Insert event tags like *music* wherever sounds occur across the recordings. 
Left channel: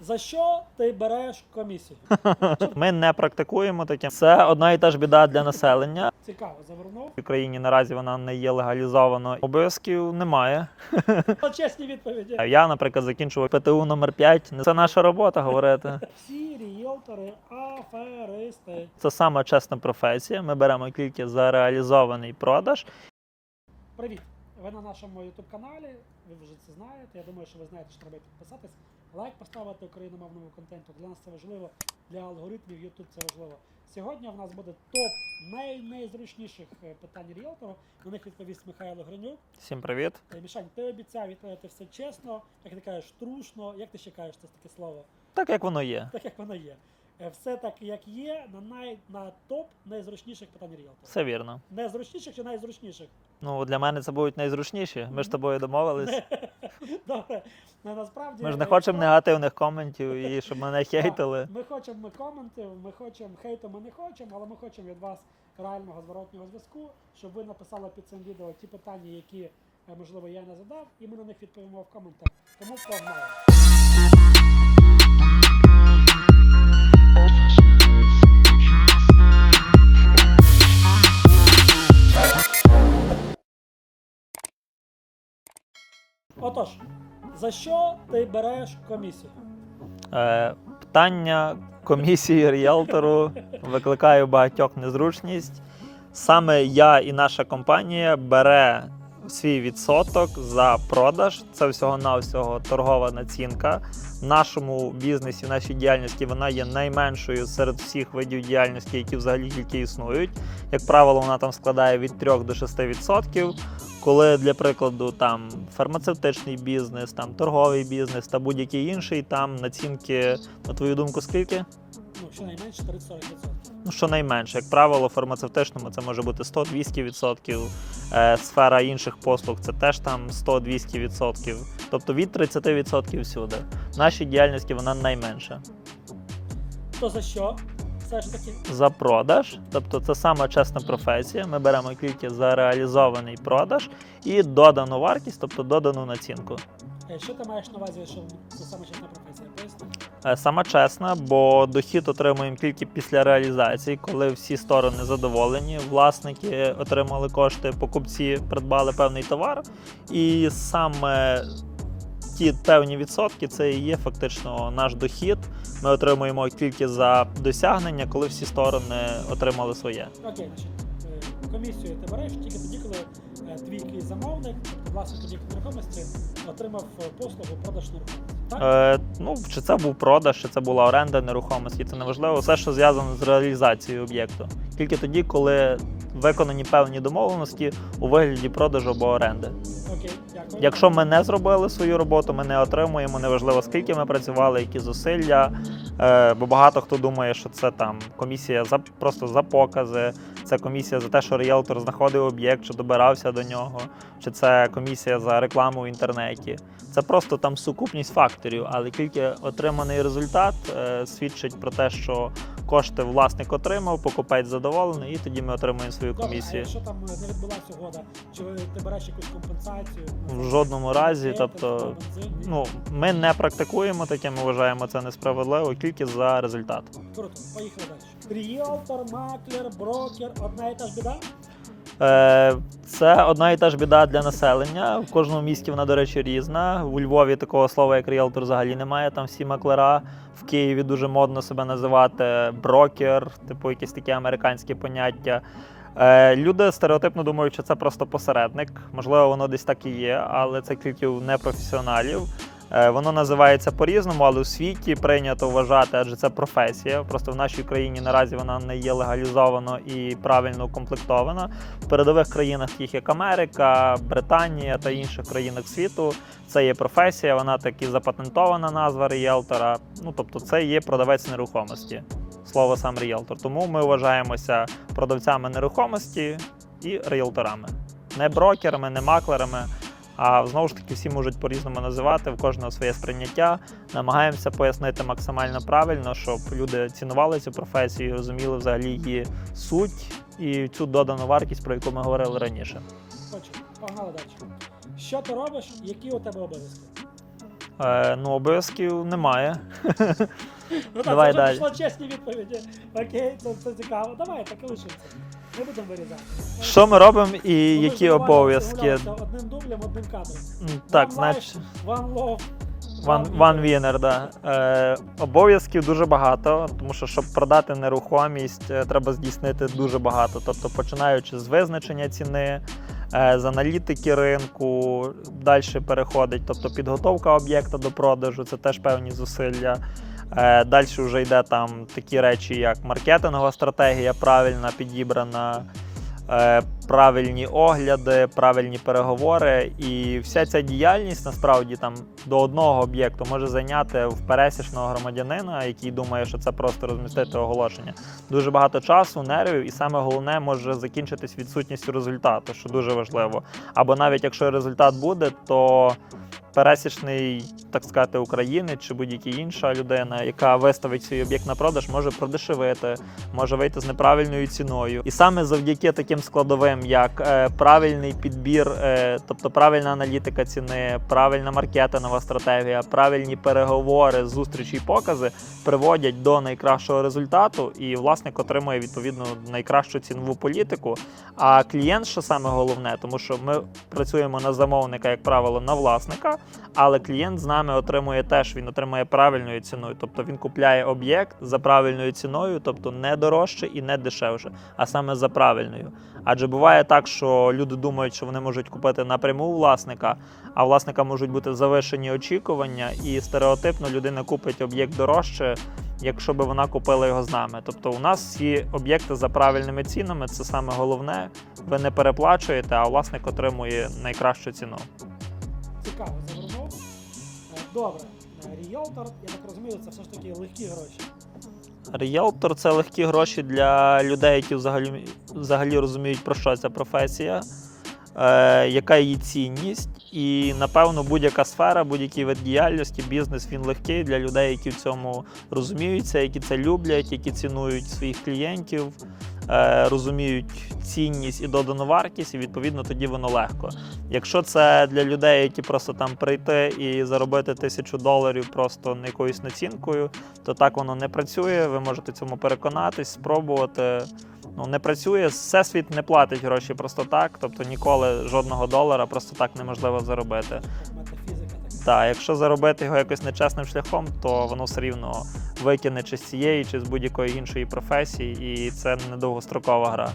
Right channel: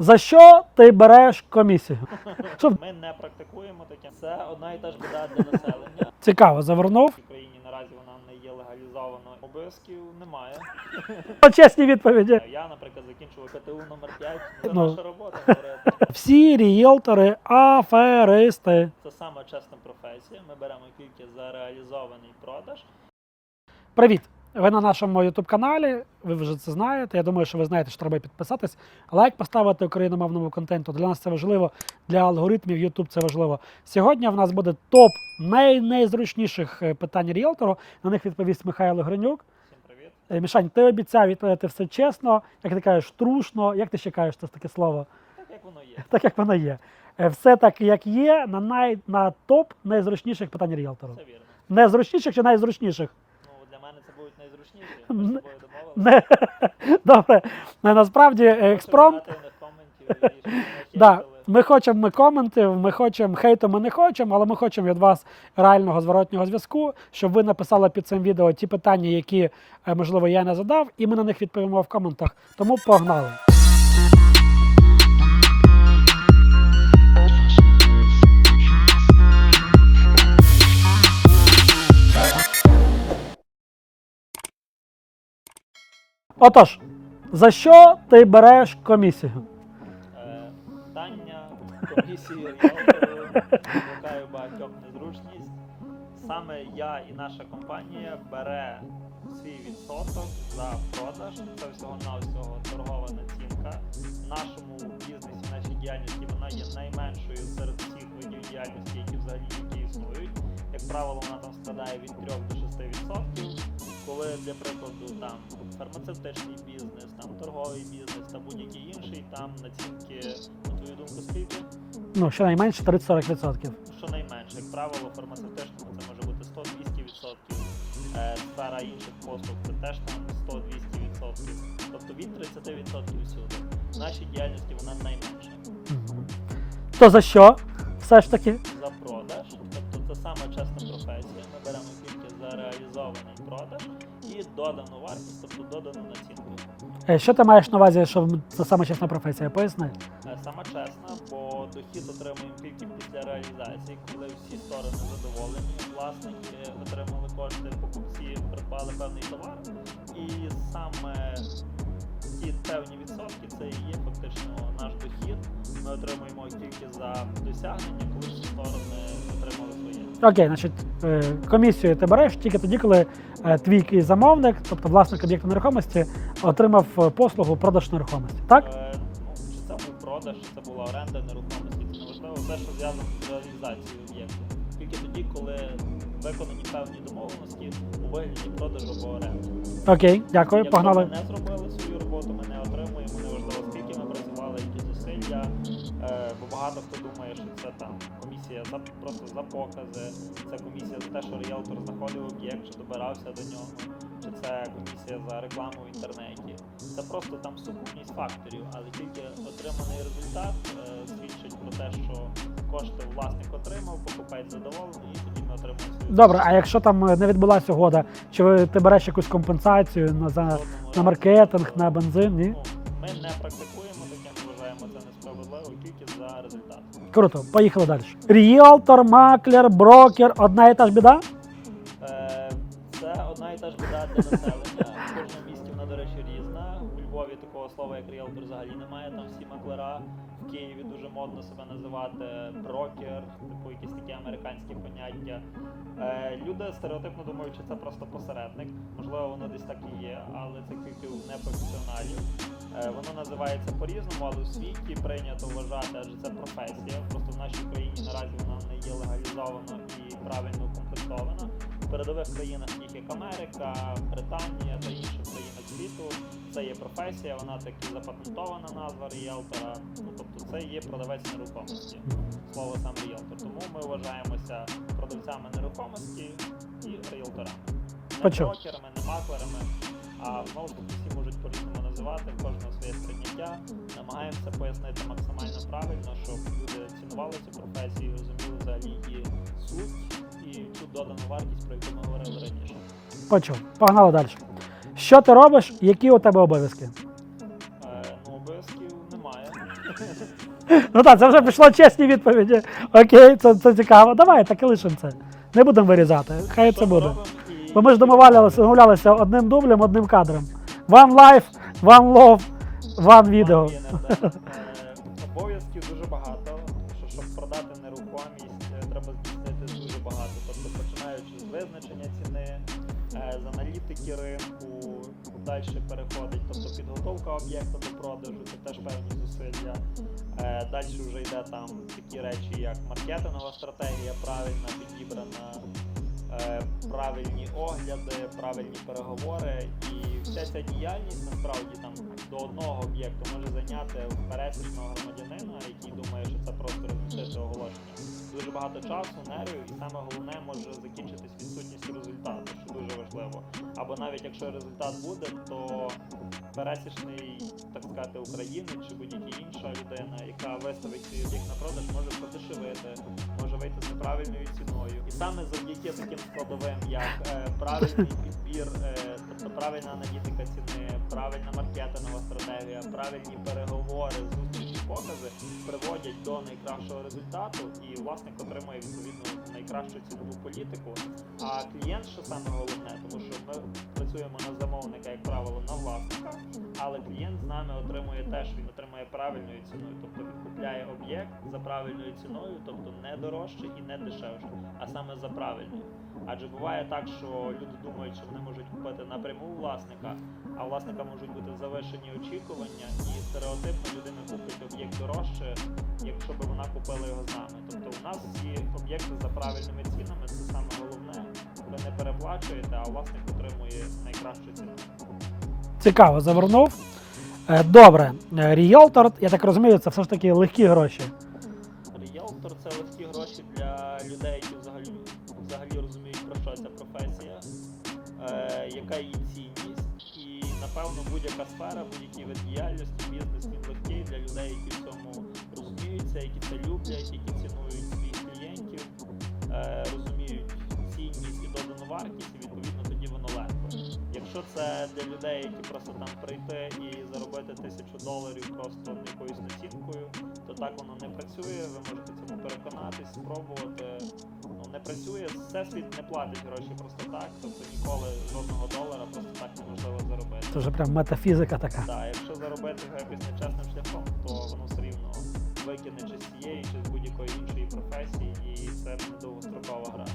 За що ти береш комісію? *laughs* Ми не практикуємо таке. Це одна і та ж біда для населення. *laughs* Цікаво, завернув. В Україні наразі вона не є легалізовано. Обов'язків немає. *laughs* Чесні відповіді. Я, наприклад, закінчував ПТУ номер 5 Це наша робота говорити. Всі ріелтори аферисти. Це саме чесна професія. Ми беремо тільки за реалізований продаж. Привіт! Ви на нашому youtube каналі, ви вже це знаєте. Я думаю, що ви знаєте, що треба підписатись, лайк поставити україномовному контенту. Для нас це важливо, для алгоритмів YouTube це важливо. Сьогодні в нас буде топ най найзручніших е, питань ріелтору. На них відповість Михайло Гринюк. Всім привіт. Е, Мішань, ти обіцяв відповідати все чесно, як ти кажеш, трушно. Як ти ще кажеш це таке слово? Так як воно є. Так як воно є. Е, Все так, як є, на най на топ найзручніших питань ріелтору. Все вірно. Незручніших чи найзручніших? Ну для мене це будуть найзручніші. Ми ж з тобою домовились. Не. *laughs* Добре. Не, насправді Ми ж не е, хочемо спром- негативних коментів і щоб мене *laughs* Да, ми хочемо ми коментів, ми хочемо хейту, ми не хочемо, але ми хочемо від вас реального зворотнього зв'язку, щоб ви написали під цим відео ті питання, які е, можливо я не задав, і ми на них відповімо в коментах. Тому погнали. Отож, за що ти береш комісію? Е, питання комісії ріелтору викликає багатьох незручність. Саме я і наша компанія бере свій відсоток за продаж. Це всього-навсього торгова націнка. В нашому бізнесі, нашій діяльності вона є найменшою серед всіх видів діяльності, які взагалі тільки існують. Як правило, вона там складає від 3 до 6%. Коли для прикладу там фармацевтичний бізнес, там торговий бізнес та будь-який інший, там націнки, на твою думку, скільки? Ну, щонайменше 30-40%. Ну, щонайменше, як правило, в фармацевтичному це може бути 100-200%. Е, сфера інших послуг це теж там 100-200%. Тобто від 30% всюди. В нашій діяльності вона найменша. Мгм. То за що? Все ж таки. За продаж, тобто це саме чесна професія. Ми беремо тільки за реалізований продаж і додану вартість, тобто додану націнку. Е, Що ти маєш на увазі, що це саме чесна професія? Поясни. саме Сама чесна, бо дохід отримуємо тільки після реалізації, коли всі сторони задоволені, власники отримали кошти, покупці придбали певний товар, і саме ті певні відсотки це і є фактично наш дохід. Ми отримуємо тільки за досягнення, коли всі сторони отримали своє. Окей, значить, е, комісію ти береш тільки тоді, коли е, твій якийсь замовник, тобто власник об'єкту нерухомості, отримав е, послугу продаж нерухомості. Так? Е, ну, чи це був продаж, чи це була оренда нерухомості, це не важливо. Все, що зв'язано з реалізацією об'єкту. Тільки тоді, коли виконані певні домовленості у вигляді продажу або оренди. Окей, дякую. Якщо погнали. ми не зробили свою роботу, ми не отримуємо. Неважливо, скільки ми працювали, які зусилля. Е, бо багато хто думає, що це там комісія за просто за покази, це комісія за те, що ріелтор знаходив об'єкт, чи добирався до нього, чи це комісія за рекламу в інтернеті. Це просто там сукупність факторів, але тільки отриманий результат е, свідчить про те, що кошти власник отримав, покупець задоволений, і тоді ми отримуємо свою Добре, а якщо там е, не відбулася угода, чи ви, ти береш якусь компенсацію на, в за, жодному на разі, маркетинг, тобто, на бензин? Ні? Ну, ми не практикуємо таке, ми вважаємо це несправедливо тільки за результат. Круто, поїхали далі. Ріелтор, маклер, брокер, одна і та ж біда? Е, це одна і та ж біда для населення. В кожному місті вона, до речі, різна. У Львові такого слова, як ріелтор, взагалі немає. Там всі маклера. В Києві дуже модно себе називати брокер, типу якісь такі американські поняття. Е, люди стереотипно думають, що це просто посередник. Можливо, воно десь так і є, але це тільки у непрофесіоналів. Е, Воно називається по-різному, але у світі прийнято вважати, адже це професія. Просто в нашій країні наразі вона не є легалізовано і правильно укомплектована. В передових країнах, таких як Америка, Британія та інших країнах світу, це є професія, вона таки запатентована назва ріелтора. Ну тобто, це є продавець нерухомості. Слово сам ріелтор. Тому ми вважаємося продавцями нерухомості і ріелторами. Не брокерами, не маклерами. А знову ж таки всі можуть по-різному називати, в кожного своє сприйняття. Намагаємося пояснити максимально правильно, щоб люди цінували цю професію, і розуміли взагалі її суть і цю додану вартість, про яку ми говорили раніше. Почув. Погнали далі. Що ти робиш? Які у тебе обов'язки? Е, ну, обов'язків немає. *laughs* Ну так, це Давай вже далі. пішло чесні відповіді. Окей, це, це цікаво. Давай так і лишимо це. Не будемо вирізати. Хай Що ми буде. робимо і Бо ми ж які домовлялися, обов'язки? домовлялися одним дублем, одним кадром. М, One так, life, one love, one One video. winner, да. *laughs* Е, обов'язків дуже багато, тому що щоб продати нерухомість, е, треба здійснити дуже багато. Тобто, починаючи з визначення ціни, е, з аналітики ринку, далі переходить, тобто підготовка об'єкта до продажу, це теж певні зусилля. Е, далі вже йде там такі речі, як маркетингова стратегія, правильна підібрана. Е, Правильні огляди, правильні переговори, і вся ця діяльність насправді там до одного об'єкту може зайняти в пересічного громадянина, який думає, що це просто розмістити оголошення. Дуже багато часу, нервів, і саме головне може закінчитись відсутністю результату, що дуже важливо. Або навіть якщо результат буде, то пересічний, так сказати, українець чи будь-яка інша людина, яка виставить свій об'єкт на продаж, може продешевити, може вийти з неправильною ціною. І саме завдяки таким складовим, як е, правильний підбір, е, тобто правильна аналітика ціни, правильна маркетингова стратегія, правильні переговори, зустрічі і покази приводять до найкращого результату, і власник отримує відповідно найкращу цінову політику. А клієнт, що саме головне, тому що ми працюємо на замовника, як правило, на власника, але клієнт з нами отримує теж, він отримує правильною ціною. Тобто він купляє об'єкт за правильною ціною, тобто не дорожче і не дешевше, а саме за правильною. Адже буває так, що люди думають, що вони можуть купити напряму власника, а власника можуть бути завишені очікування, і стереотипно людина купить об'єкт дорожче, якщо би вона купила його з нами. Тобто у нас всі об'єкти за правильними цінами, це саме головне. Ви не переплачуєте, а власник отримує найкращу ціну. Цікаво, завернув. Е, Добре, Е, ріелтор, я так розумію, це все ж таки легкі гроші. Ріелтор це легкі гроші для людей, які взагалі, взагалі розуміють, про що ця професія, е, яка її цінність. І напевно будь-яка сфера, будь-який вид діяльності, бізнес він легкий для людей, які в цьому розуміються, які це люблять, які цінують своїх клієнтів, розуміють цінність і додану вартість, і відповідно тоді воно легко. Якщо це для людей, які просто там прийти і заробити тисячу доларів просто якоюсь націнкою, то так воно не працює. Ви можете цьому переконатись, спробувати. Ну не працює. Всесвіт не платить гроші просто так. Тобто ніколи жодного долара просто так неможливо заробити. Це вже прям метафізика така. Так, якщо заробити його якось нечесним шляхом, то воно все рівно викине чи з цієї, чи з будь-якої іншої професії, і це недовгострокова гра.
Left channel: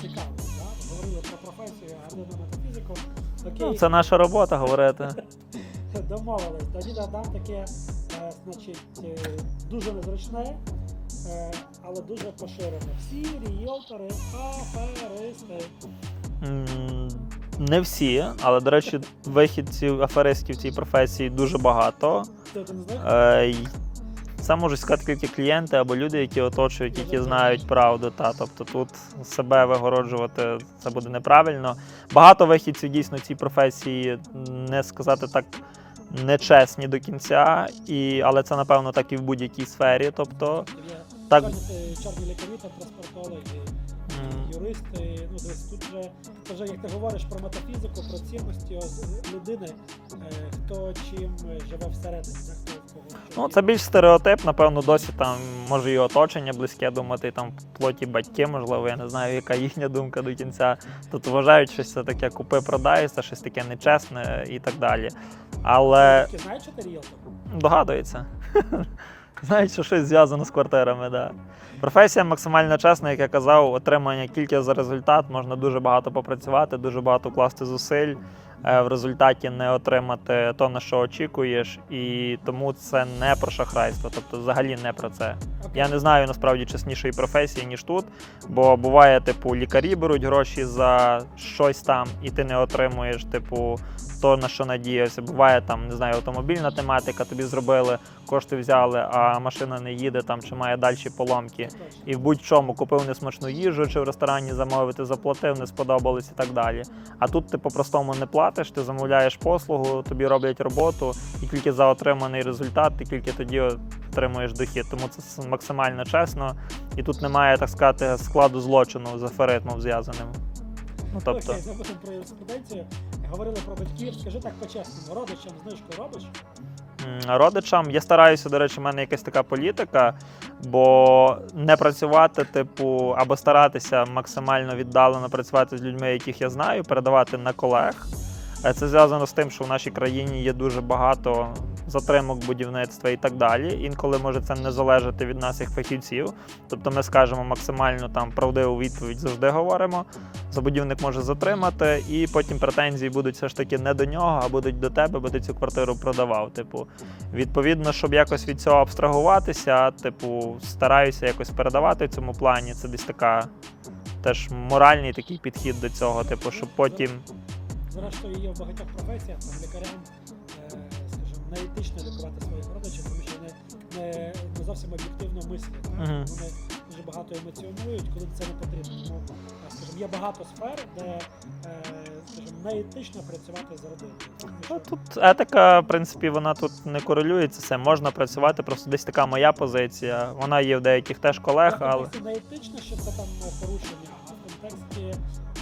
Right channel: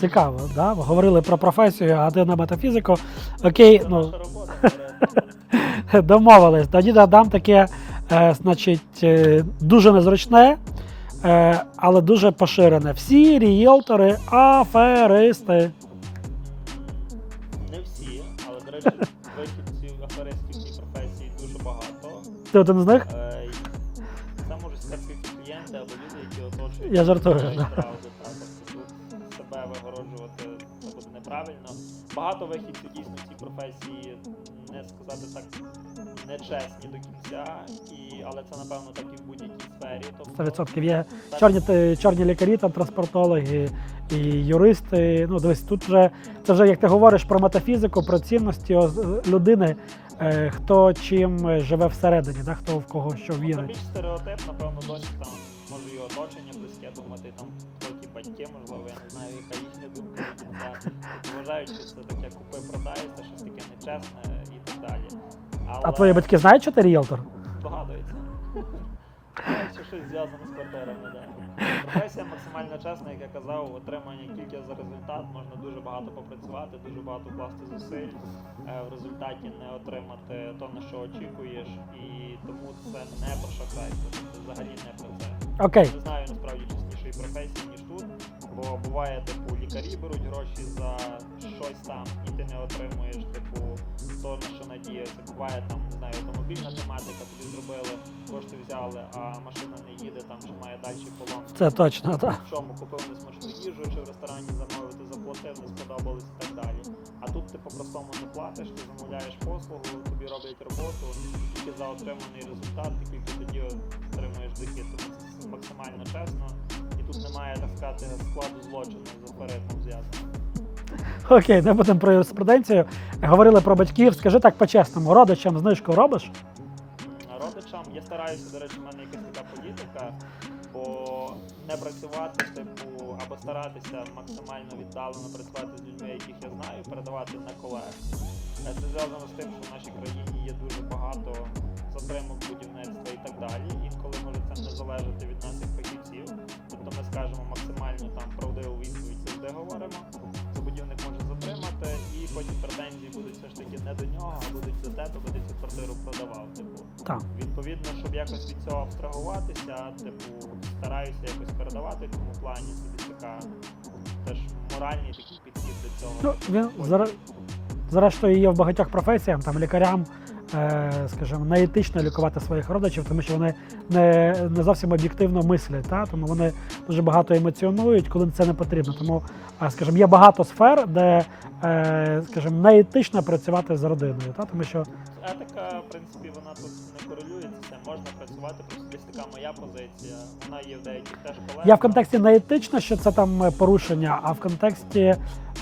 Цікаво, да? Ви говорили про професію, а ти на метафізику. Окей, Це ну, наша робота говорити. *laughs* домовились. Тоді дам таке, е, значить, е, дуже незручне, але дуже поширене. Всі ріелтори аферисти. Не всі, але до речі, *laughs* вихідців аферистів в цій професії дуже багато. Ти один з них? Е, Це можуть сказати тільки клієнти або люди, які оточують, Я які жартую, знають *laughs* правду. Та тобто тут себе вигороджувати це буде неправильно. Багато вихідців дійсно в цій професії не сказати так. Нечесні до кінця, і, але це напевно так і в будь-якій сфері. Тобто 100% є так, чорні, чорні лікарі, там транспортологи і юристи. Ну, дивись, тут вже це вже як ти говориш про метафізику, про цінності людини, е, хто чим е, живе всередині, да? хто в кого що Ну, це більш стереотип, напевно, досі там може і оточення близьке думати, там в плоті батьки, можливо, я не знаю, яка їхня думка до кінця. Тут вважають, що це таке купи-продай, це щось таке нечесне і так далі. А твої Але батьки знають, що ти ріелтор? догадується. Знають, що щось зв'язано з квартирами, да. Професія максимально чесна, як я казав, отримання тільки за результат. Можна дуже багато попрацювати, дуже багато вкласти зусиль. Е, В результаті не отримати то, на що очікуєш, і тому це не про шахрайство, тобто взагалі не про це. Окей. Я не знаю насправді чеснішої професії, ніж тут. Бо буває, типу, лікарі беруть гроші за щось там, і ти не отримуєш, типу, то на що надіявся. Буває там, не знаю, автомобільна тематика, тобі зробили, кошти взяли, а машина не їде там чи має далі поломки. Це точно. І в будь-чому купив несмачну їжу, чи в ресторані замовив, ти заплатив, не сподобалось і так далі. А тут ти по-простому не платиш, ти замовляєш послугу, тобі роблять роботу, і тільки за отриманий результат, ти тільки тоді отримуєш дохід. Тому це максимально чесно. І тут немає, так сказати, складу злочину з аферизмом зв'язаним. Тобто, Окей, не будемо про юриспруденцію. Говорили про батьків. Скажи так по-чесному, родичам знижку робиш? Родичам. Я стараюся, до речі, в мене якась така політика, бо не працювати, типу, або старатися максимально віддалено працювати з людьми, яких я знаю, передавати на колег. Е, Це зв'язано з тим, що в нашій країні є дуже багато затримок будівництва і так далі. Інколи може це не залежати від нас як фахівців. Тобто ми скажемо максимально там правдиву відповідь завжди говоримо. Забудівник може затримати, і потім претензії будуть все ж таки не до нього, а будуть до тебе, бо ти цю квартиру продавав. Типу, Так. відповідно, щоб якось від цього абстрагуватися, типу, стараюся якось передавати в цьому плані. Це десь така теж моральний такий підхід до цього. Ну, Типу, ну, щоб потім. Зрештою, є в багатьох професіях, там лікарям, скажімо, неетично лікувати своїх родичів, тому що вони не, не зовсім об'єктивно мислять. Та? Тому вони дуже багато емоціонують, коли це не потрібно. Тому, е, скажімо, є багато сфер, де, е, скажімо, неетично працювати з родиною. Та? Тому що Тут етика, в принципі, вона тут не корелюється. Це можна працювати. Просто десь така моя позиція. Вона є в деяких теж колег. я в контексті не етично, що це там е, порушення, а в контексті.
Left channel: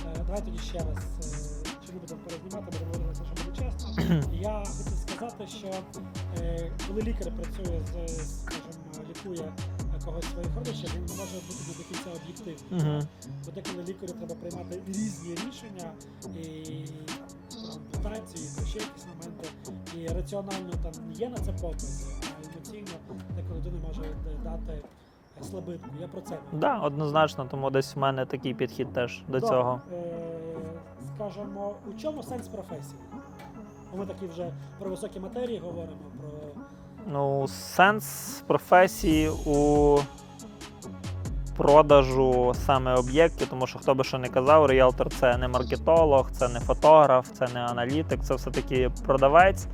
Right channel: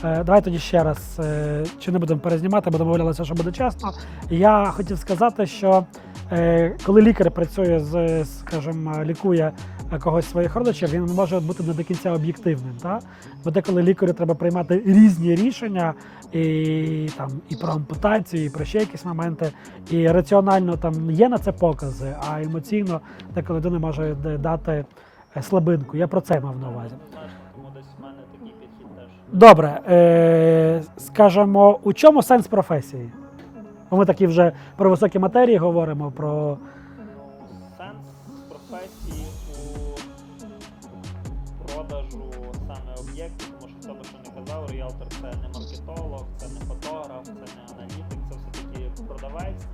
Е, давай тоді ще раз, е, чи не будемо перезнімати, бо домовлялися, що буде чесно. *clears throat* Я хотів сказати, що е, коли лікар працює з, скажімо, лікує е, когось з своїх родичів, він може бути не до кінця об'єктивним. Мгм. Та? Бо деколи лікарю треба приймати різні рішення і, там, і про ампутацію, і про ще якісь моменти. І раціонально там є на це покази, а емоційно деколи людина може дати е, слабинку. Я про це мав. Да, однозначно, тому десь в мене такий підхід теж. До Добре, цього. е, скажемо, у чому сенс професії? Бо ми такі вже про високі матерії говоримо, про Ну, сенс професії у продажу саме об'єктів, тому що хто би що не казав, ріелтор це не маркетолог, це не фотограф, це не аналітик, це все-таки продавець.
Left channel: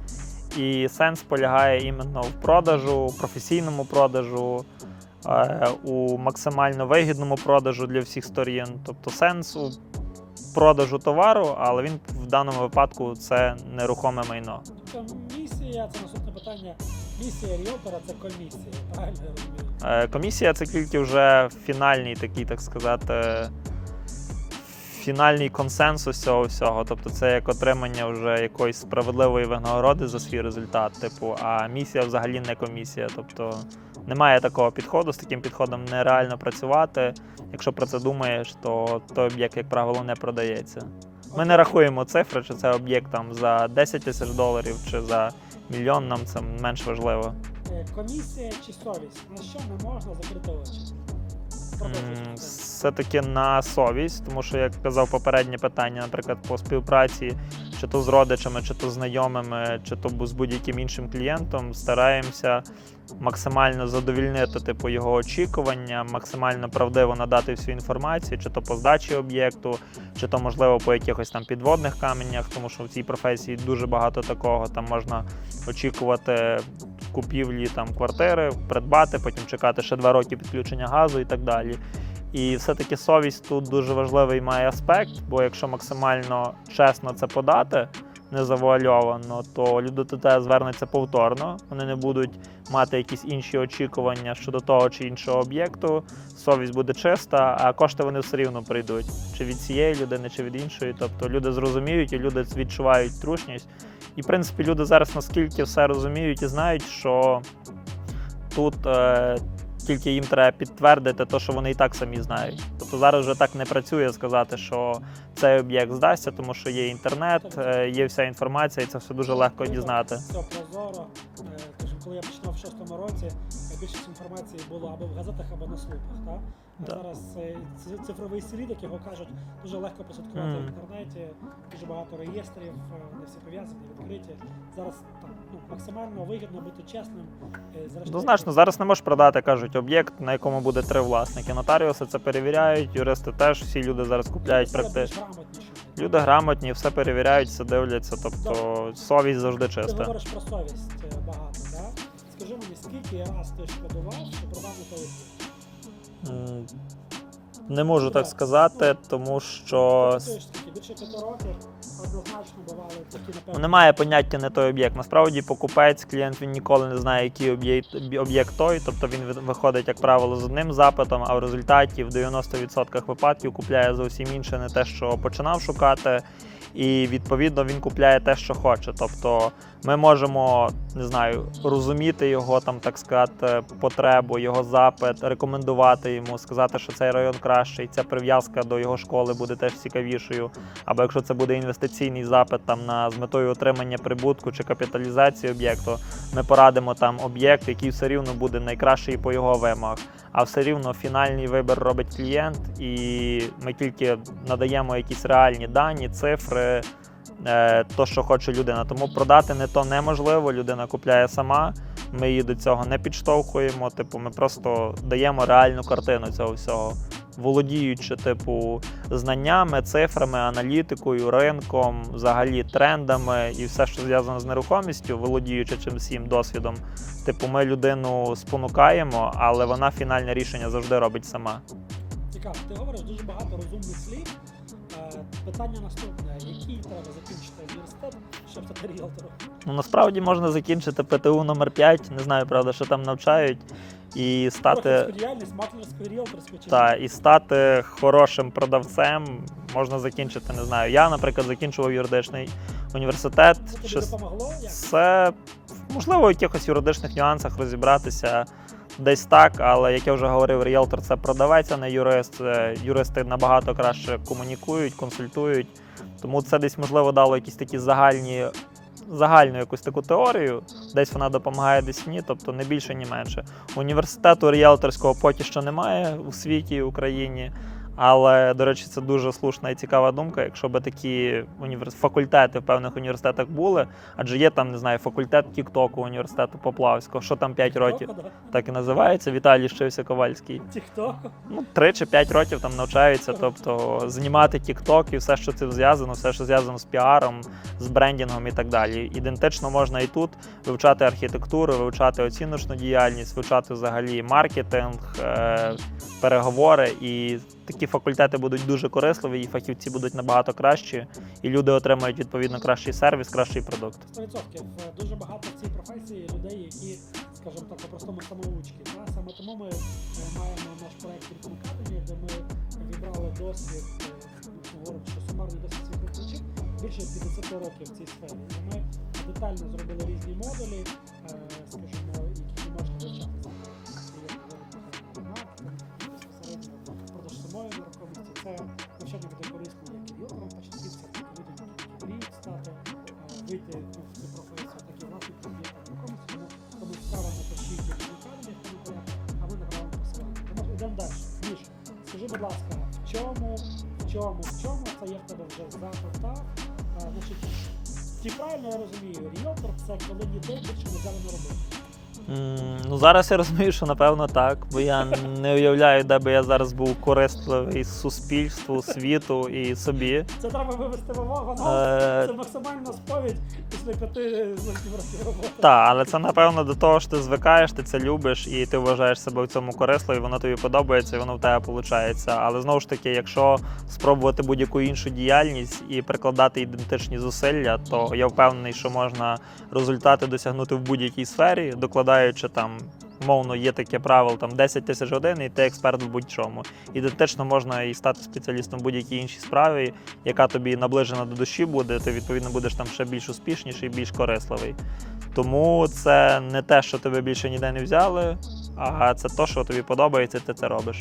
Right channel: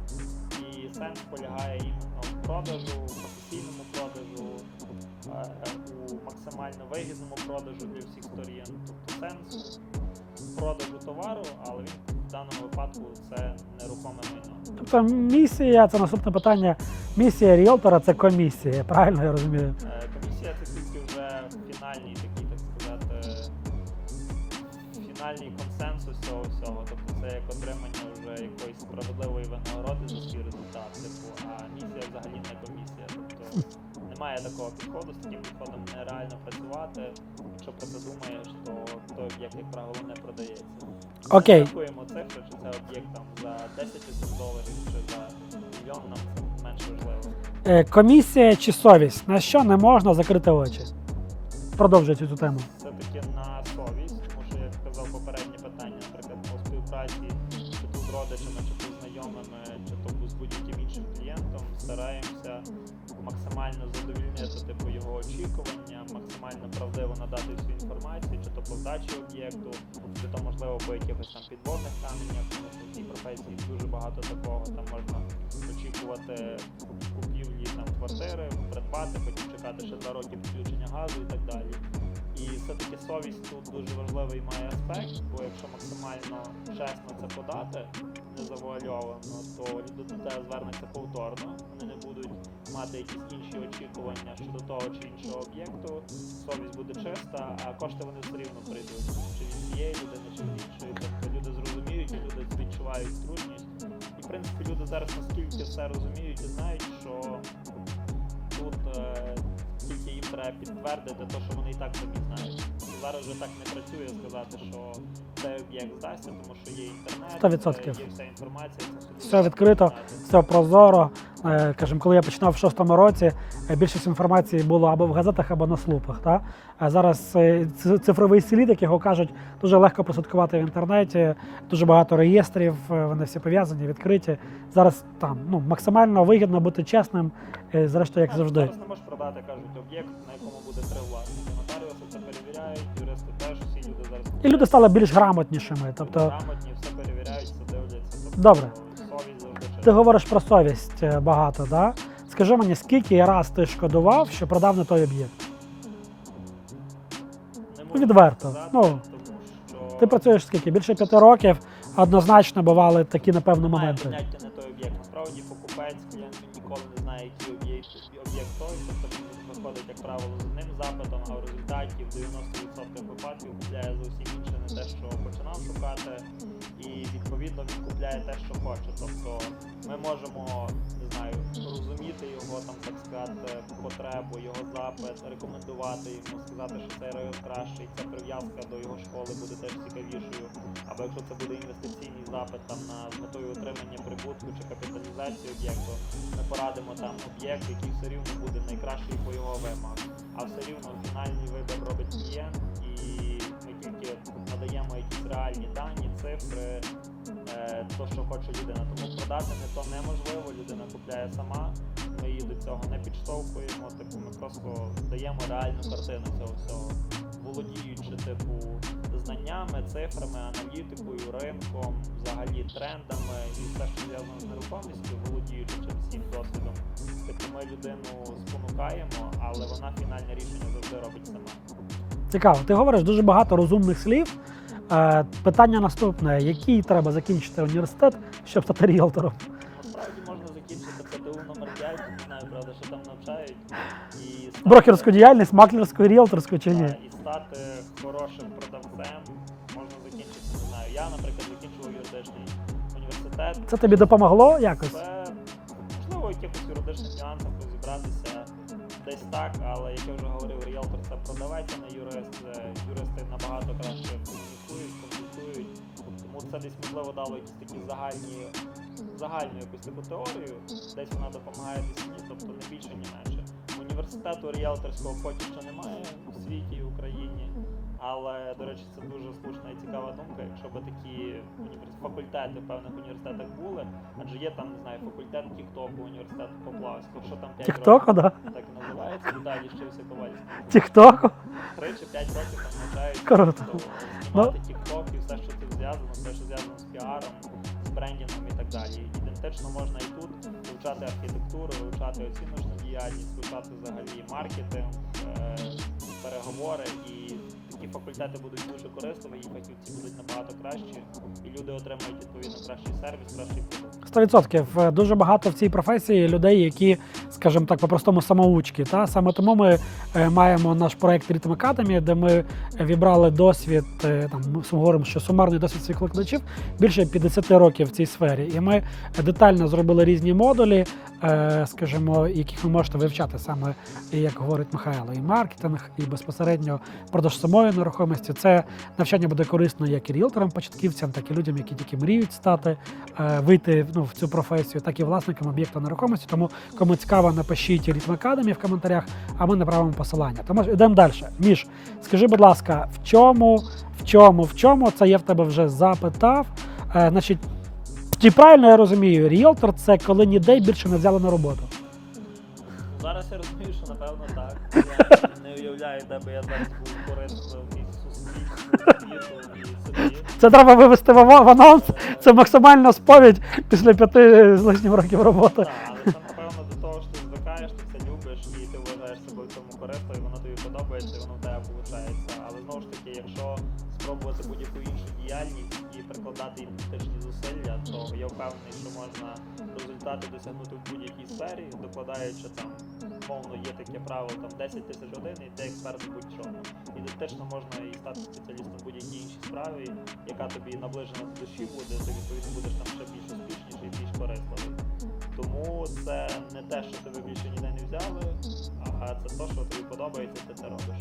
І сенс полягає іменно в продажу, професійному продажу, е, у максимально вигідному продажу для всіх сторін. Тобто сенс у продажу товару, але він даному випадку це нерухоме майно. тобто місія, це наступне питання. Місія ріелтора це комісія, правильно я розумію? Е, Комісія це тільки вже фінальний такий, так сказати, фінальний консенсус цього всього. Тобто це як отримання вже якоїсь справедливої винагороди за свій результат. Типу, а місія взагалі не комісія. Тобто немає такого підходу, з таким підходом нереально працювати. Якщо про це думаєш, то той об'єкт, як правило, не продається. Ми Окей. не рахуємо цифри, чи це об'єкт там за 10 тисяч доларів, чи за мільйон, нам це менш важливо. Е, комісія чи совість? На що не можна закрити очі? Продовжуйте цю тему. Все-таки на совість, тому що, як казав попереднє питання, наприклад, по співпраці, чи то з родичами, чи то з знайомими, чи то з будь-яким іншим клієнтом, стараємося максимально задовільнити типу його очікування, максимально правдиво надати всю інформацію, чи то по здачі об'єкту, чи то можливо по якихось там підводних каменях, тому що в цій професії дуже багато такого. Там можна очікувати купівлі там квартири, придбати, потім чекати ще два роки підключення газу і так далі. І все-таки совість тут дуже важливий має аспект, бо якщо максимально чесно це подати, не завуальовано, то люди до тебе звернуться повторно. Вони не будуть мати якісь інші очікування щодо того чи іншого об'єкту. Совість буде чиста, а кошти вони все рівно прийдуть чи від цієї людини, чи від іншої. Тобто люди зрозуміють і люди відчувають трушність. І в принципі люди зараз наскільки все розуміють і знають, що тут е, тільки їм треба підтвердити те, що вони і так самі знають. Тобто зараз вже так не працює сказати, що цей об'єкт здасться, тому що є інтернет, 100%. е, є вся інформація, і це все дуже Все легко відкрито. дізнати. Все прозоро. Е, Кажемо, коли я починав в шостому році, е, більшість інформації було або в газетах, або на слупах. Та? А зараз е, цифровий слід, як його кажуть, дуже легко прослідкувати в інтернеті. Дуже багато реєстрів, е, вони всі пов'язані, відкриті. Зараз там ну максимально вигідно бути чесним. е, Зрештою, Однозначно, завжди. зараз не можеш продати, кажуть, об'єкт, на якому буде три власники. Нотаріуси це перевіряють, юристи теж, всі люди зараз і купують. люди стали більш грамотнішими. Люди Тобто, грамотні, все перевіряють, все дивляться. Тобто Добре. совість завжди чиста. Ти говориш про совість багато, да? Скажи мені, скільки раз ти шкодував, що продав не той об'єкт? Не можу Відверто. так сказати, Ну, тому що Ти працюєш скільки? Більше п'яти років. Однозначно бували такі, напевно. Немає моменти. поняття не той об'єкт. Насправді покупець, клієнт він ніколи не знає, який об'єкт об'єкт той. Тобто він виходить, як правило, з одним запитом, а в результаті в 90% випадків купляє зовсім інше, не те, що починав шукати. І відповідно він купляє те, що хоче. Тобто ми можемо не знаю, розуміти його там, так сказати, потребу, його запит, рекомендувати йому, сказати, що цей район кращий, ця прив'язка до його школи буде теж цікавішою. Або якщо це буде інвестиційний запит там на з метою отримання прибутку чи капіталізації об'єкту, ми порадимо там об'єкт, який все рівно буде найкращий по його вимогах. А все рівно фінальний вибір робить клієнт, і ми тільки надаємо якісь реальні дані, цифри, то, що хоче людина. Тому продати не то неможливо, людина купляє сама. Ми її до цього не підштовхуємо. Типу, ми просто даємо реальну картину цього всього, володіючи, типу, знаннями, цифрами, аналітикою, ринком, взагалі трендами і все, що зв'язано з нерухомістю, володіючи цим всім досвідом. Типу, ми людину спонукаємо, але вона фінальне рішення завжди робить сама. Цікаво. Ти говориш дуже багато розумних слів. Е, питання наступне: який треба закінчити університет, щоб стати ріелтором? Ну насправді можна закінчити ПТУ номер 5 не знаю, правда, що там навчають, і стати. Брокерську діяльність, маклерську, ріелторську чи Та, ні? і стати хорошим продавцем можна закінчити, не знаю. Я, наприклад, закінчував юридичний університет. Це тобі Щось- допомогло якось? Це можливо в якихось юридичних нюансах розібратися. Десь так, але як я вже говорив, ріелтор це продавець, а не юрист. Е, Юристи набагато краще комунікують, консультують. Тому це десь можливо дало якісь такі загальні, загальну якусь таку теорію. Десь вона допомагає, десь ні, тобто не більше, ні менше. Університету ріелторського поки що немає у світі, в Україні. Але, до речі, це дуже слушна і цікава думка. Якщо би такі універс... факультети в певних університетах були, адже є там, не знаю, факультет Тіктоку університету Поплавського, що там 5 Тіктоку, років, да? так і називається. Віталій Щився Ковальський. Тіктоку. Ну, 3 чи 5 років там навчаються. Тобто знімати Тікток і все, що цим зв'язано, все, що зв'язано з піаром, з брендінгом і так далі. Ідентично можна і тут вивчати архітектуру, вивчати оціночну діяльність, вивчати взагалі маркетинг, е- переговори. І такі факультети будуть дуже корисливі, і фахівці будуть набагато кращі, і люди отримають відповідно кращий сервіс, кращий продукт. 100%. Е, Дуже багато в цій професії людей, які, скажімо так, по-простому самоучки. Та? Саме тому ми е, маємо наш проект Rhythm Academy, де ми вібрали досвід, е, там, ми говоримо, що сумарний досвід своїх викладачів більше 50 років в цій сфері. І ми детально зробили різні модулі, скажімо, яких ви можете вивчати саме, як говорить Михайло, і маркетинг, і безпосередньо продаж самої нерухомості. Це навчання буде корисно як і ріелторам, початківцям, так і людям, які тільки мріють стати, е, вийти ну, в цю професію, так і власникам об'єкта нерухомості. Тому кому цікаво, напишіть Rhythm Academy в коментарях, а ми направимо посилання. Тому йдемо далі. Міш, скажи, будь ласка, в чому, в чому, в чому це я в тебе вже запитав? Е, значить, чи правильно я розумію, ріелтор це коли ніде більше не взяли на роботу. Ну зараз я розумію, що напевно так. Бо я не уявляю, де би я зараз був корисливий суспільству, світу і собі. Це треба вивести в анонс. Е, Це максимальна сповідь після п'яти з лишнім років роботи. Так, але це напевно до того, що ти звикаєш, ти це любиш і ти вважаєш себе в цьому корисливо, і воно тобі подобається, і воно в тебе виходить. Але знову ж таки, якщо спробувати будь-яку іншу діяльність і прикладати ідентичні зусилля, то я впевнений, що можна результати досягнути в будь-якій сфері, докладаючи там. Мовно, є таке правило там 10 тисяч годин, і ти експерт в будь-чому. Ідентично можна і стати спеціалістом в будь-якій іншій справі, яка тобі наближена до душі буде, ти відповідно будеш там ще більш успішніший, більш корисливий. Тому це не те, що тебе більше ніде не взяли, а це те, що тобі подобається, ти це робиш.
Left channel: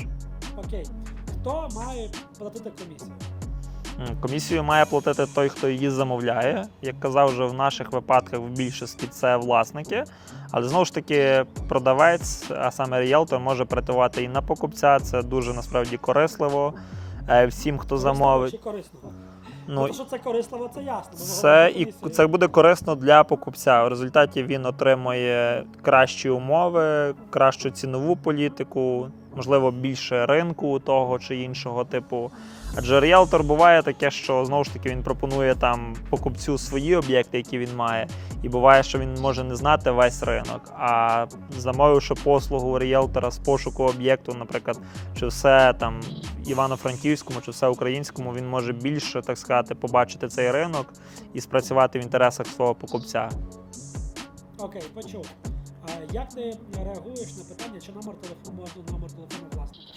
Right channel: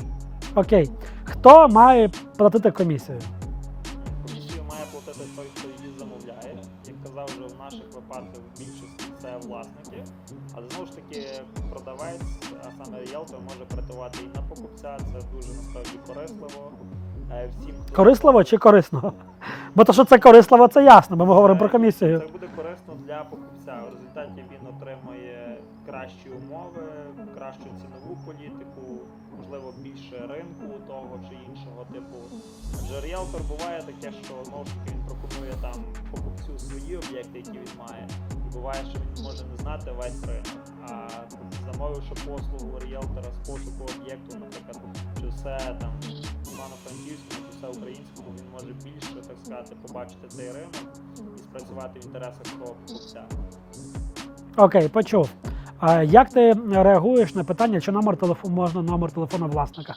Окей. Хто має платити комісію? Комісію має платити той, хто її замовляє. Як казав, вже в наших випадках в більшості це власники. Але знову ж таки, продавець, а саме ріелтор, може претувати і на покупця. Це дуже насправді корисливо. Е, Всім, хто Корисливо замовить, чи корисно? ну, Бо то, що це корисливо, це ясно. Бо ми говоримо про комісію. це буде корисно для покупця. В результаті він отримує кращі умови, кращу цінову політику, можливо, більше ринку того чи іншого типу. Адже ріелтор буває таке, що знову ж таки він пропонує там покупцю свої об'єкти, які він має, і буває, що він може не знати весь ринок. А замовивши послугу ріелтора з пошуку об'єкту, наприклад, чи все там Івано-Франківському, чи все українському, він може більше так сказати, побачити цей ринок і спрацювати в інтересах свого покупця. Окей, почув. А як ти реагуєш на питання, чи номер телефону можна номер телефону власника?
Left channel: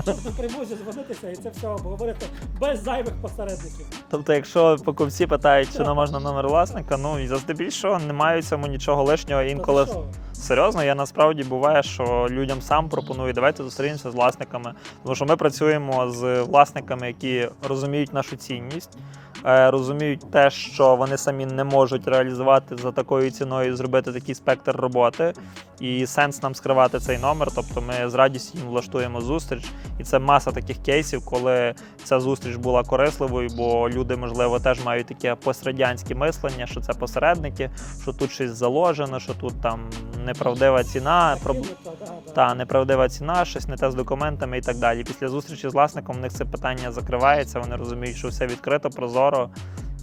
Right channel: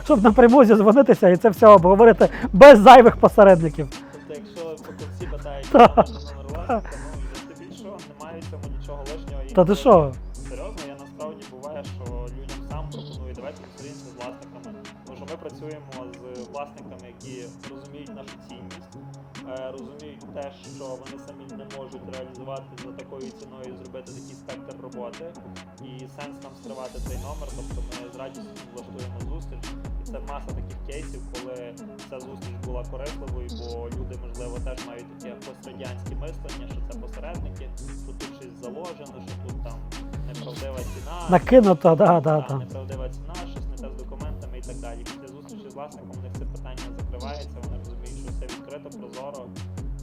*laughs* Щоб напряму зізвонитися і це все обговорити без зайвих посередників. Тобто, якщо покупці питають, чи можна номер власника, ну і здебільшого немає цьому нічого лишнього. Та ти що? серйозно, я насправді буває, що людям сам пропоную, давайте зустрінемося з власниками. Тому що ми працюємо з власниками, які розуміють нашу цінність, розуміють те, що вони самі не можуть реалізувати за такою ціною, зробити такий спектр роботи. І сенс нам скривати цей номер. Тобто ми з радістю влаштуємо зустріч. І це маса таких кейсів, коли ця зустріч була корисливою, бо люди, можливо, теж мають таке пострадянське мислення, що це посередники, що тут щось заложено, що тут там неправдива ціна. Накинуто, да, да. Та неправдива ціна, щось не те з документами і так далі. Після зустрічі з власником у них це питання закривається. Вони розуміють, що все відкрито, прозоро.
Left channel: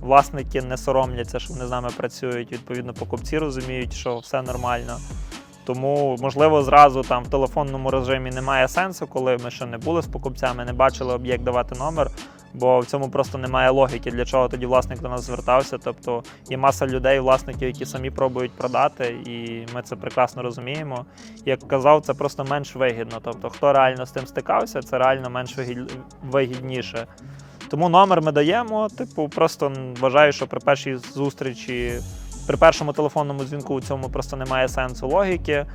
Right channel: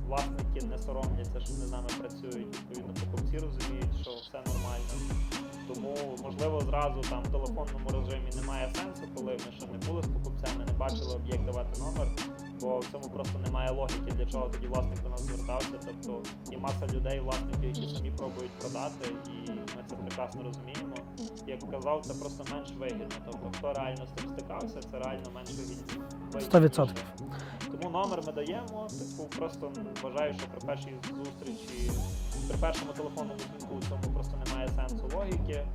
Власники не соромляться, що вони з нами працюють. Відповідно, покупці розуміють, що все нормально. Тому, можливо, зразу там в телефонному режимі немає сенсу, коли ми ще не були з покупцями, не бачили об'єкт давати номер, бо в цьому просто немає логіки, для чого тоді власник до нас звертався. Тобто є маса людей, власників, які самі пробують продати, і ми це прекрасно розуміємо. Як казав, це просто менш вигідно. Тобто, хто реально з тим стикався, це реально менш вигідніше. Тому номер ми даємо. Типу, просто вважаю, що при першій зустрічі, при першому телефонному дзвінку у цьому просто немає сенсу логіки.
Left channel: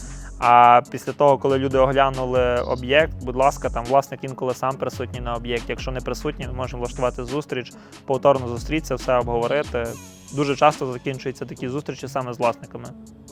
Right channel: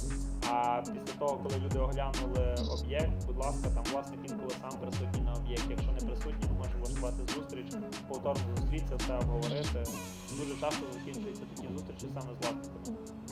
А після того, коли люди оглянули об'єкт, будь ласка, там власник інколи сам присутній на об'єкті. Якщо не присутній, ми можемо влаштувати зустріч, повторно зустрітися, все обговорити. Дуже часто закінчуються такі зустрічі саме з власниками.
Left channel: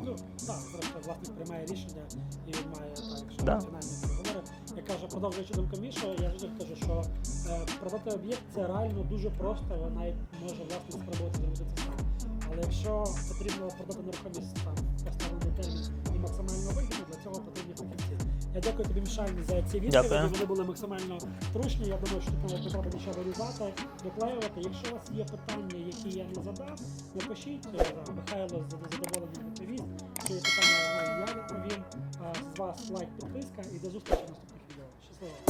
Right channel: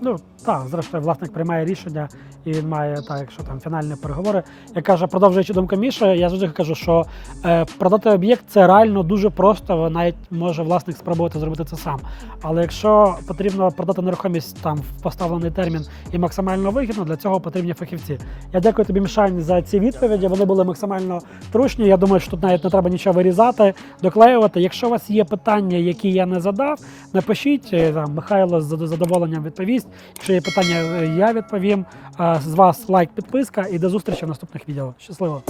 Ну так, зрештою, власник приймає рішення, і він має так, якщо там фінальні переговори. Я кажу, продовжуючи думку Міші, я завжди кажу, що е, продати об'єкт це реально дуже просто. Навіть може власник спробувати зробити це сам. Але якщо потрібно продати нерухомість там в поставлений термін і максимально вигідно, для цього потрібні фахівці. Я дякую тобі, Мішань, за ці відповіді. Вони були максимально трушні. Я думаю, що тут навіть не треба нічого вирізати, доклеювати. Якщо у вас є питання, які я не задав, напишіть е, там Михайло з задоволенням відповість. Якщо є питання, е, я відповім. З вас лайк, підписка і до зустрічі в наступних відео. Щасливо!